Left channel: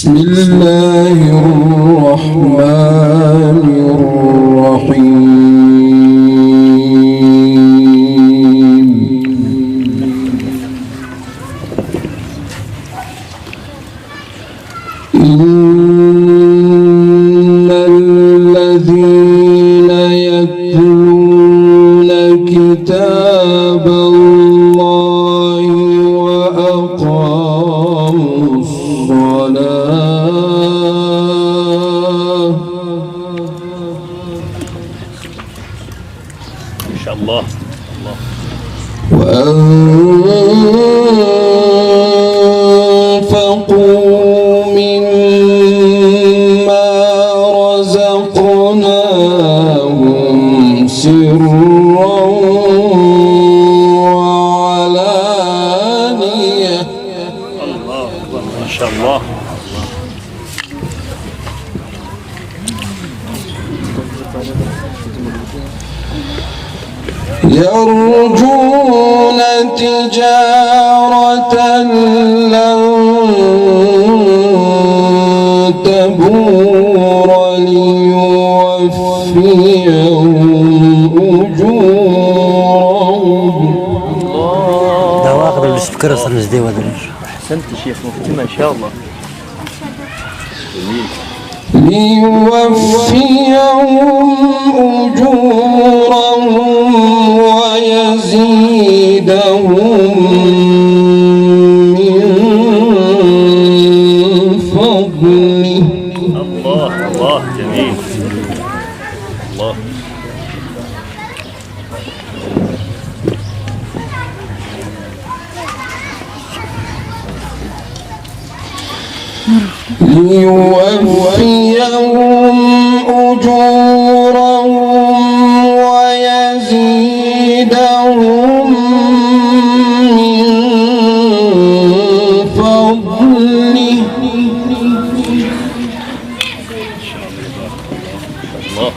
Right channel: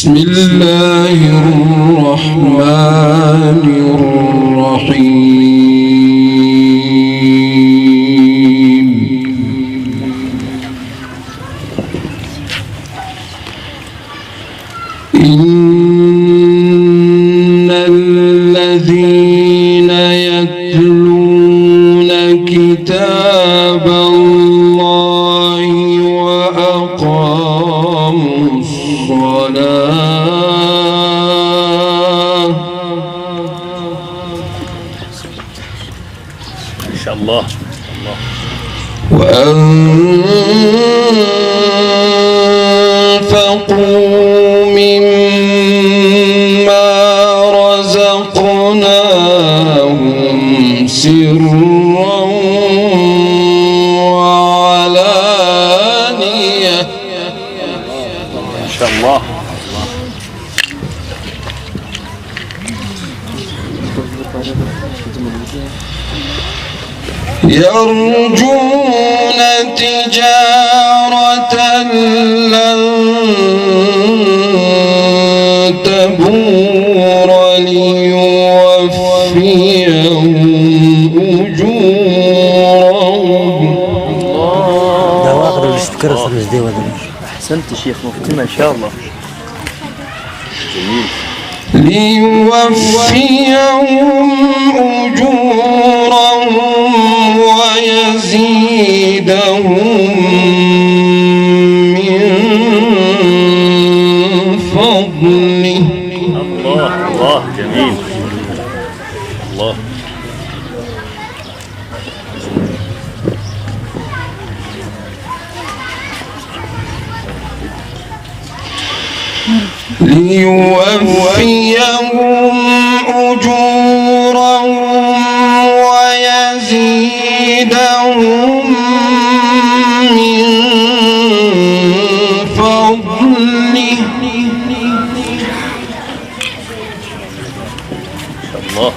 بسم الله الرحمن الرحيم. إن الذين يتلون كتاب الله وأقاموا الصلاة إن شاء الله وأنفقوا مما رزقناهم سرا وعلانية. إن شاء الله يرجون تجارة لن تبور ليوفيهم أجورهم. ده واخد السكر الخمس دي ولا أحسنت شيخ مفتمة إن شاء الله. جميل. ليوفيهم أجورهم ويزيدهم من فضله. الله الله جميل. الله ليوفيهم أجورهم ويزيدهم من فضله. الله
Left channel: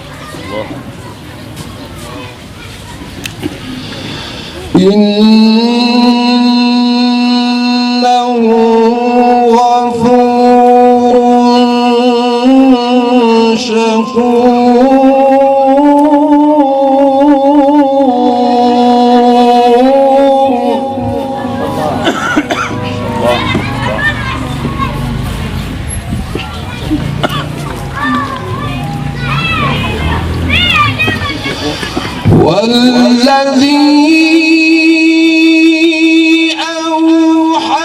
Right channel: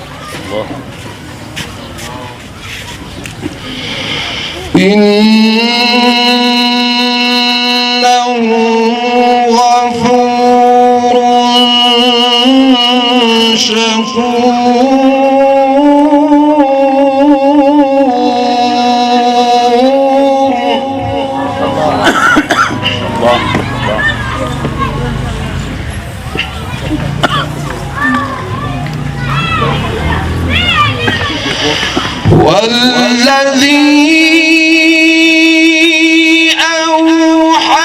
الله إنه غفور شكور. والذي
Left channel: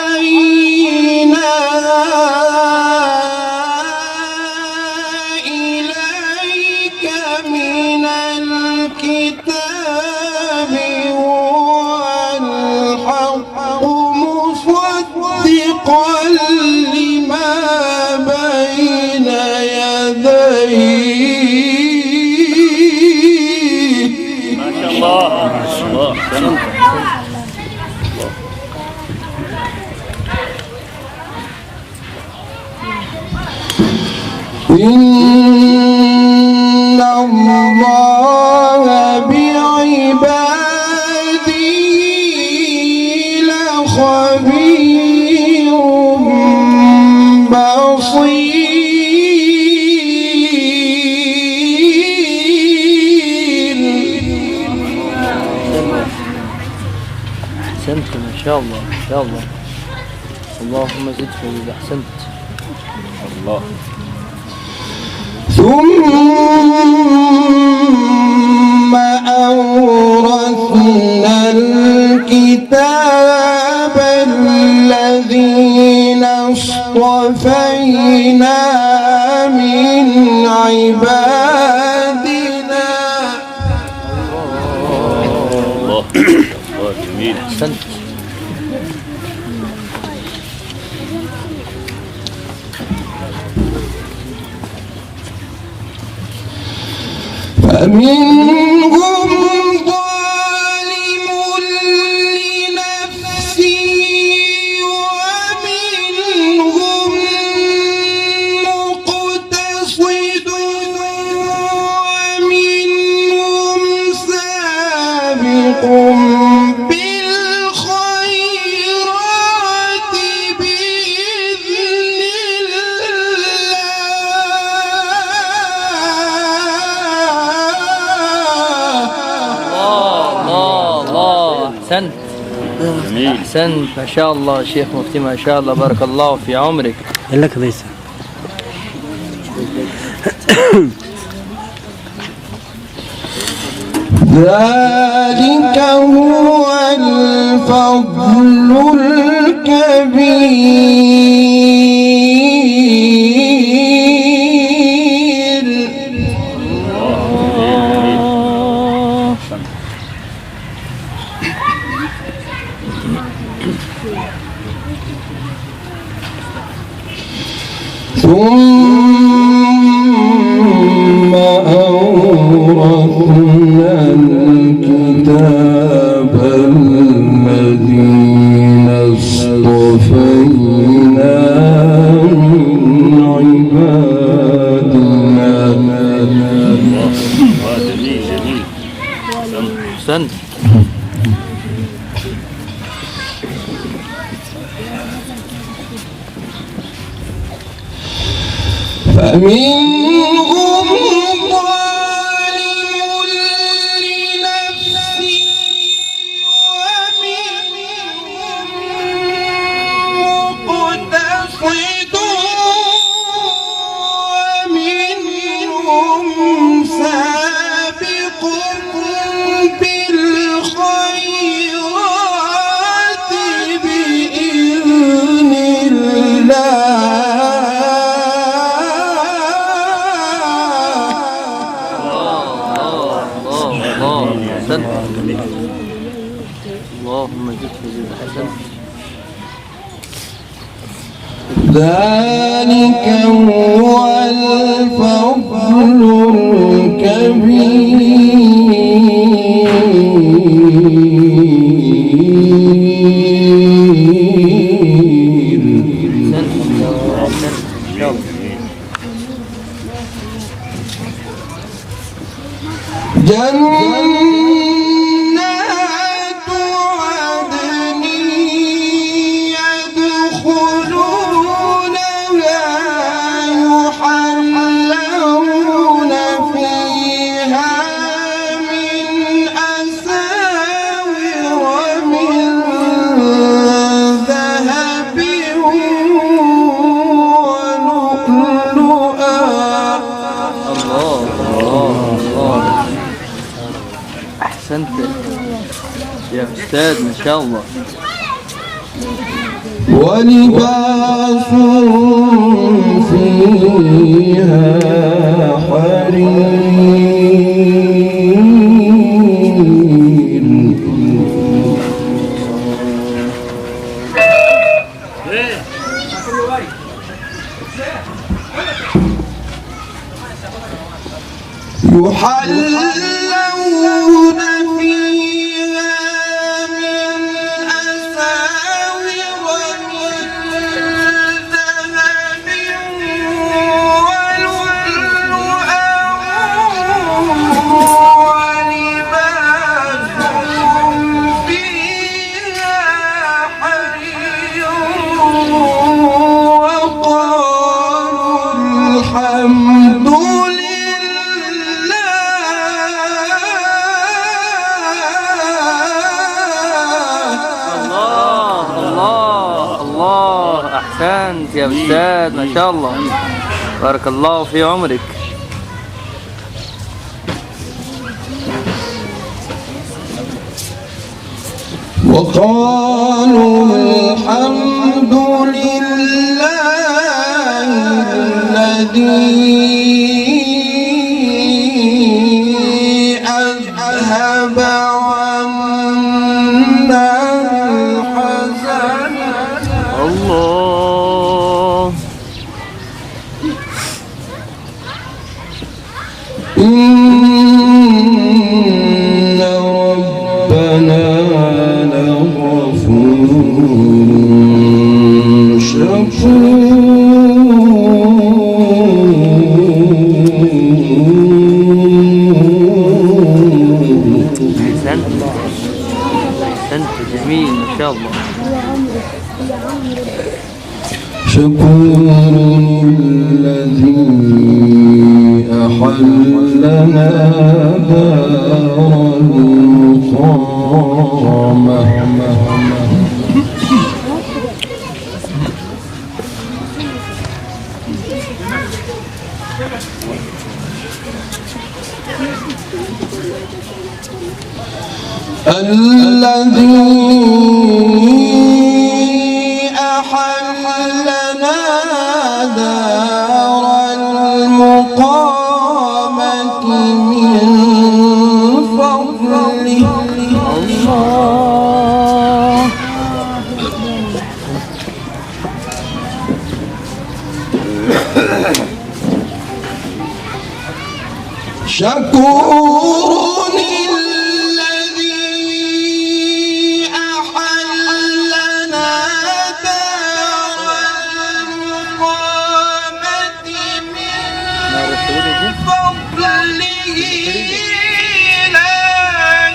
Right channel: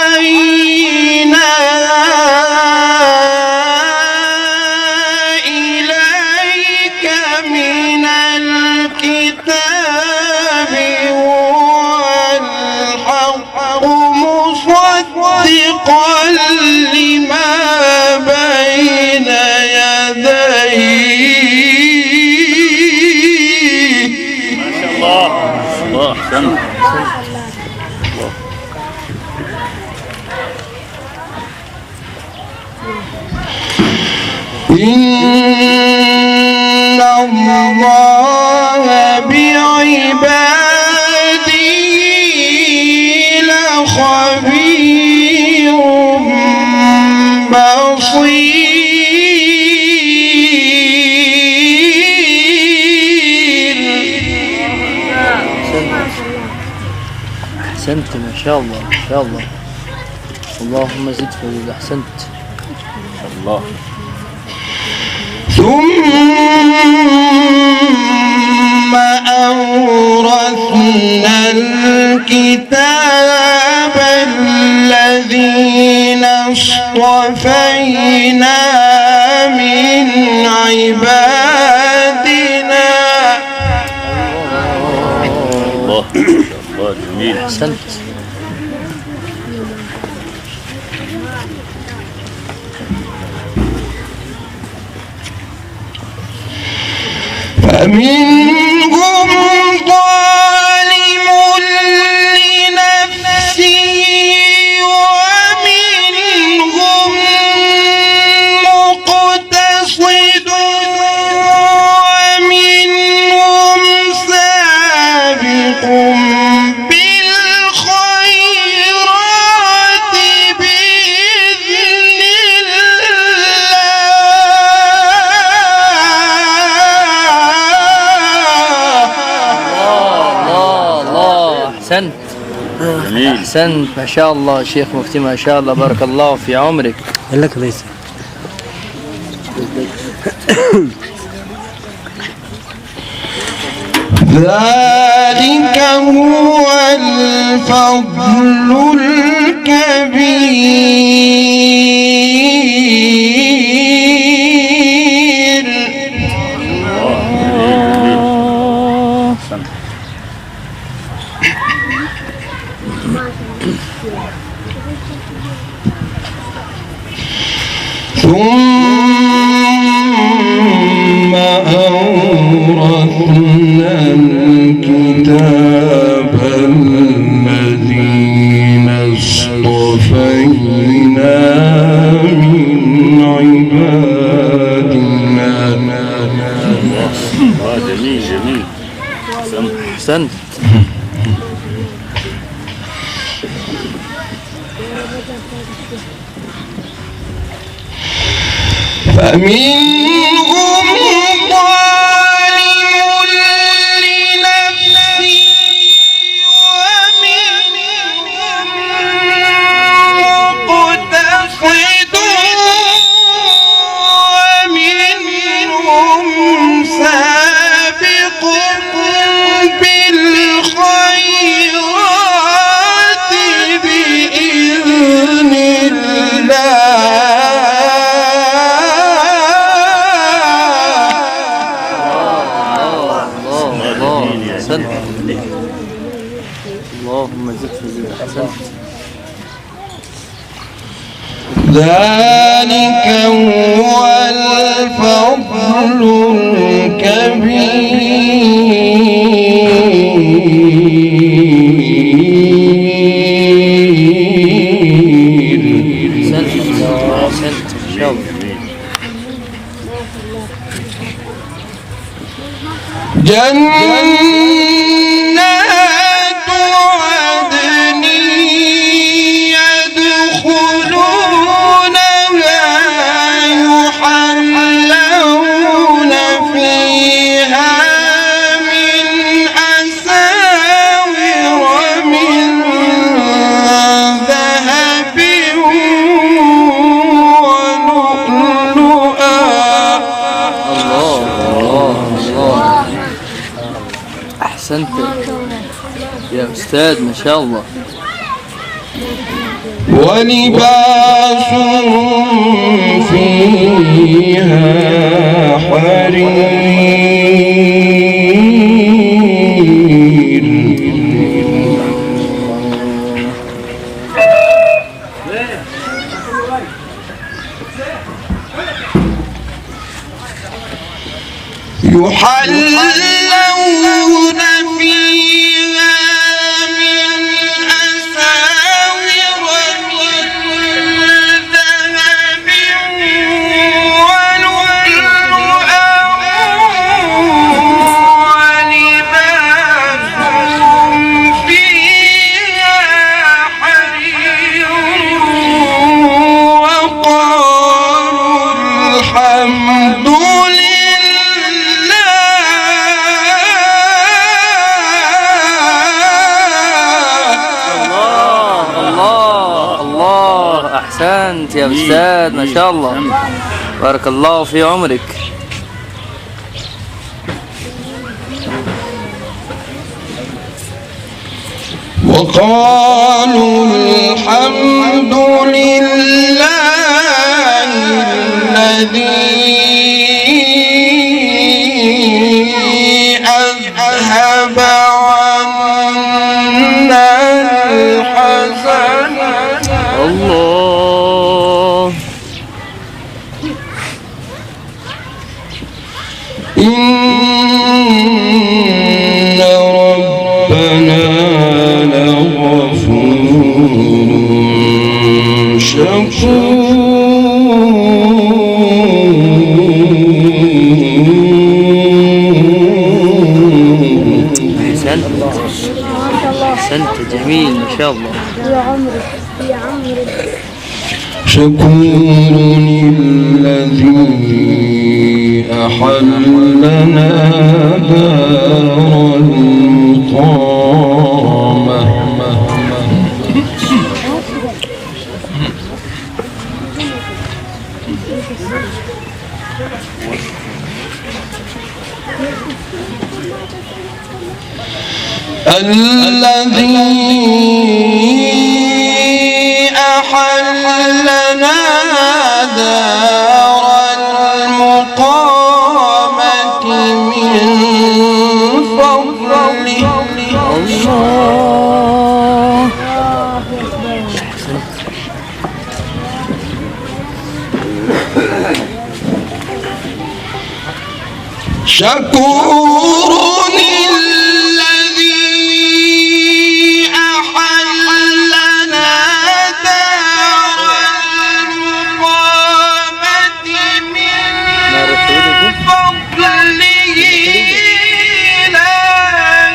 أوحينا إليك من الكتاب والحق مصدقا لما بين يديه. الله الله أحسنت. إن الله بعباده لخبير بصير. أحسنت ما شاء الله ما شاء الله. اللهم زد فزد. أحسنت. الله ثم أورثنا الكتاب الذين اصطفينا من عبادنا. الله الله جميل. أحسنت. فمنهم ظالم لنفسه ومنهم مقتصد ومنهم سابق بالخيرات بإذن الله. أحسنت ما شاء الله شيخ مفتي ما شاء الله بارك الله في عمرك. لك ليس ذلك هو الفضل الكبير. ثم أورثنا الكتاب الذين اصطفينا من عبادنا. جميل أحسنت. فمنهم ظالم لنفسه ومنهم مقتصد ومنهم سابق بالخيرات بإذن اللهم زد وزد. أحسنت. ذلك هو الفضل الكبير. أحسنت إن شاء الله. جنات عدن يدخلونها يحلون فيها من أساور من ذهب ولؤلؤا. الله أحسنت يا أستاذ ما شاء الله. ولباسهم فيها حرير. يحلون فيها من أساور من ذهب ولؤلؤا ولباسهم فيها حرير وقالوا الحمد أحسنت يا أستاذ ما شاء الله بارك الله في عمرك. وقالوا الحمد لله الذي أذهب عنا الحزن. الله إن ربنا لغفور أحسنت جميل ما شاء الله. شكور الذي أحلنا دار المقامة. الذي أحلنا دار المقامة من فضله الله. شكور الذي أحلنا دار المقامة من فضله لا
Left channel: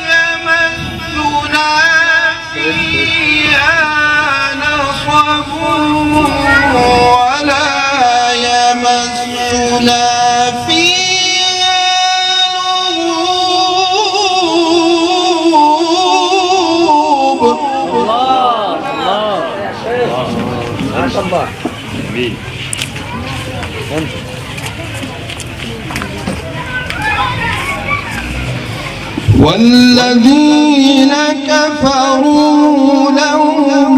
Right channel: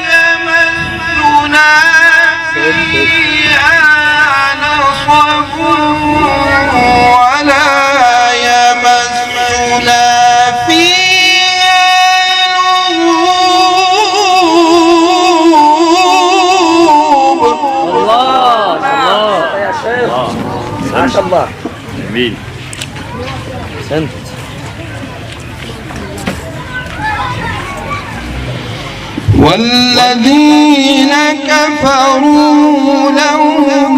يمسنا فيها نصب ولا يمسنا فيها لغوب. الله الله يا شيخ ما شاء الله. جميل. أحسنت. والذين كفروا لهم